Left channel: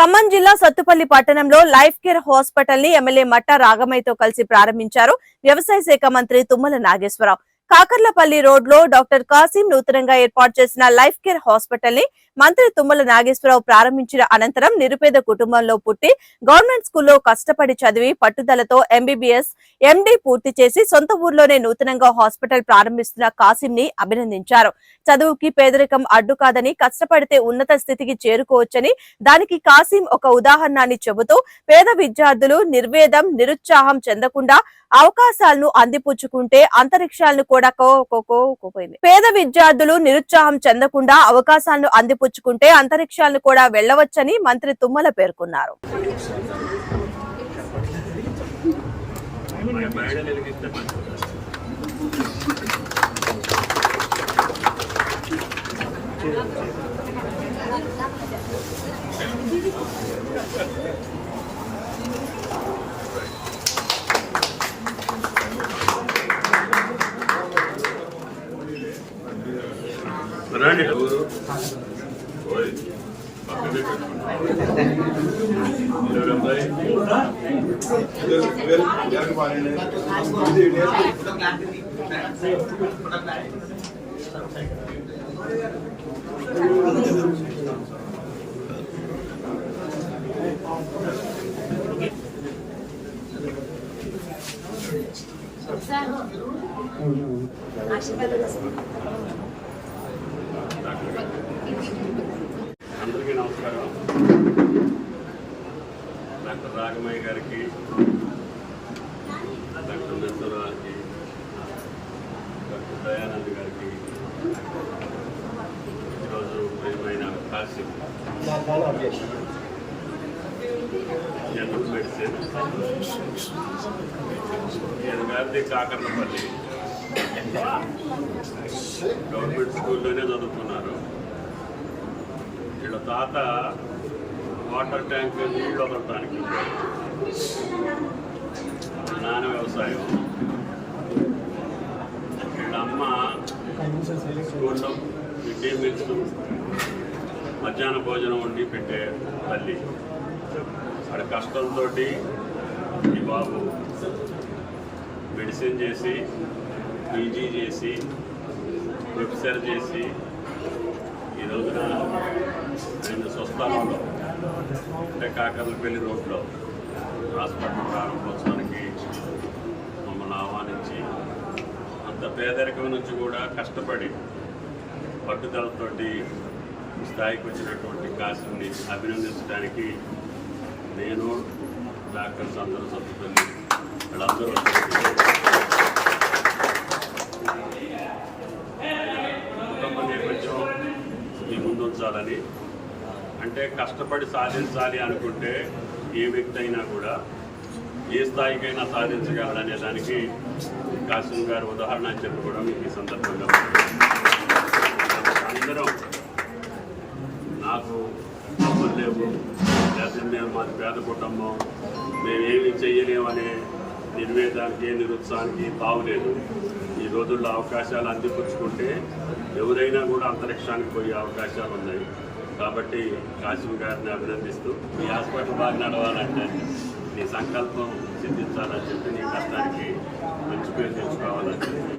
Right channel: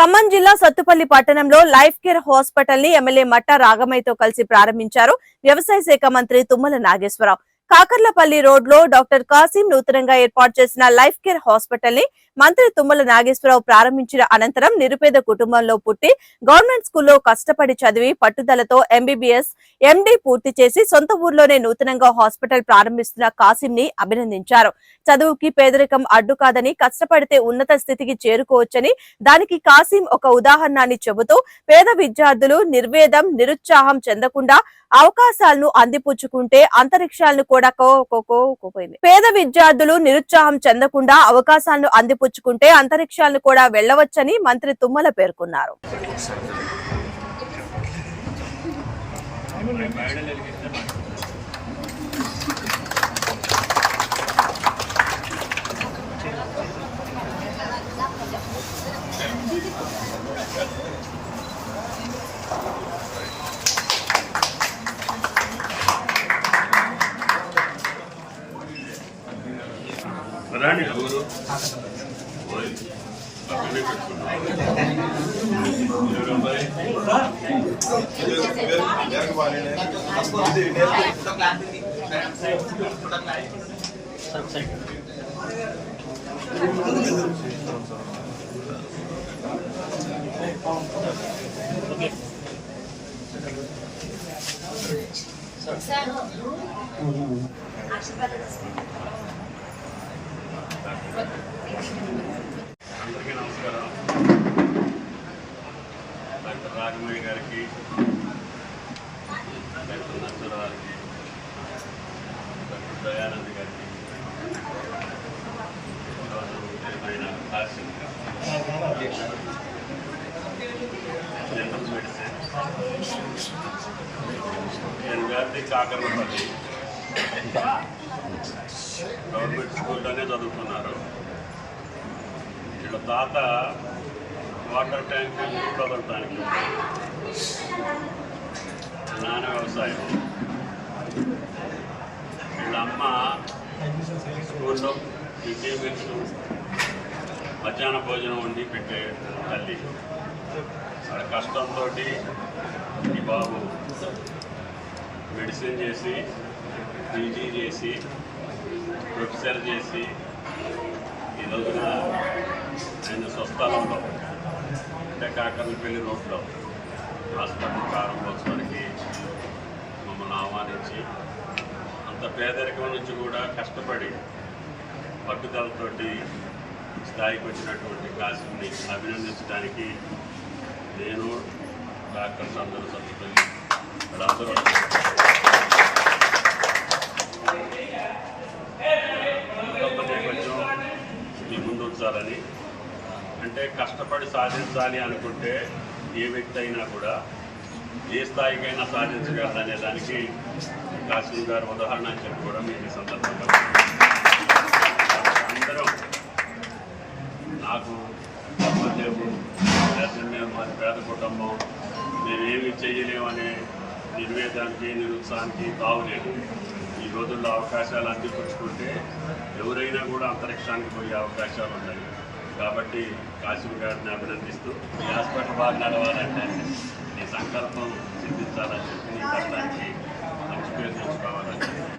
ఖమ్మం జిల్లా సత్తుపల్లి పట్టణంలో life care హాస్పిటల్ని ఎమ్మెల్యే మట్టా రాగమయ్యతో కలిసి ప్రారంభించారు వ్యవసాయ శాఖ మంత్రి తుమ్మల నాగేశ్వరరావు. కాకర్లపల్లి రోడ్లో డాక్టర్ కాసిం నూతనంగా ఏర్పాటు చేసిన లైఫ్ కేర్ హాస్పిటల్ని మంత్రి తుమ్మల నాగేశ్వరరావు ప్రారంభించిన అనంతరం నిరుపేద కుటుంబంలో పుట్టి గవర్నమెంట్ స్కూల్లో కష్టపడి చదివి పట్టుదలతో ఎంబీబీఎస్ ఎండీ పూర్తి చేసి సొంత ఊర్లోనే నూతనంగా హాస్పిటల్ ప్రారంభిస్తున్న కాసిం ని అభినందించారు. చదువుకి పేదరికం అడ్డు కాదని కష్టపడితే ఉన్నత స్థితికి చేరుకోవచ్చని దానికి కాసిం ఒక ఉదాహరణ అని చెబుతూ పేద విద్యార్థులు నిర్వేదం నిరుత్సాహం చెందకుండా అవకాశాలను అందిపుచ్చుకుంటే అంతరిక్షాలను కూడా కో- కోపోయింది పేద విద్యార్థులు నిరుత్సాహం చెందకుండా అవకాశాలను అందిపుచ్చుకుంటే అంతరిక్షాలను కూడా వెళ్ళవచ్చని మంత్రి తుమ్మల పేర్కొన్నారు. రండి ఊరు ఓయ్, పక్కనే. ఎవరమ్మాయి? అందరికీ నమస్కారం. డాక్టర్ రాగమయ్య గారికి డాక్టర్ నందూర గారికి డాక్టర్ దయానంద్ గారికి ఈరోజు ప్రియమైన కాశీ. జనరల్ మెడిసిన్ నేను గారిది కాకర్లపల్లి గవర్నమెంట్ స్కూల్లోనే చదువుకున్నారు వీళ్ళ తాత వాటర్ ట్యాంక్ నీళ్ళు వదలటానికి నాన్న వ్యవసాయం. వీళ్ళ అమ్మ స్కూల్లో మిడ్ డే మీల్స్ మధ్యాహ్న భోజనం వండి పెట్టే తల్లి. ఆడ కష్టంతో ఈ బాబు మెడిసిన్ చేసి పీజీ చేసి ప్రొఫెసర్ చేసి ఈ రోజున ఆయన స్వస్థలంలో అంటే కాకర్లపల్లి రోడ్లో హాస్పిటల్ ప్రారంభోత్సవానికి మమ్మల్ని ఆహ్వానించి అంత పేదరికం నుంచి కూడా కష్టపడి పట్టుదలతోటి స్థాయికి వచ్చినటువంటి కాశీని అభినందించడానికి నేను డాక్టర్స్ అందరూ సత్తుపల్లి వీళ్ళందరూ సాధించాలని. అంటే కష్టపడి సాధించాలి అనుకుంటే ఏ వ్యక్తి అయినా కూడా ఏ స్థాయికైనా సాధించగలరనే దానికి కాసిం గారు ఉదాహరణ అని చెప్పి కూడా మీకు ఈ సందర్భంగా అందరం నాకు డబ్బులు లేవు. మేము మాది పేద కుటుంబం. మేమేమి చేయలేమనే నిర్వేదానికి నిరుత్సాహానికి తావులేదు ఈ రోజుల్లో అవకాశాలు అందిపుచ్చుకుంటే ఎవరైనా కూడా అంతరిక్షానికి పోయే అవకాశాలు ఉన్నాయి. కాబట్టి కాశీ గారిని అభినందిస్తూ మీ హాస్పిటల్ బాగా నడవాలంటే నీ సంకల్పం సిద్ధించాలని చెప్పి నీ కష్టానికి మంచి పేరు తెచ్చుకోవాలని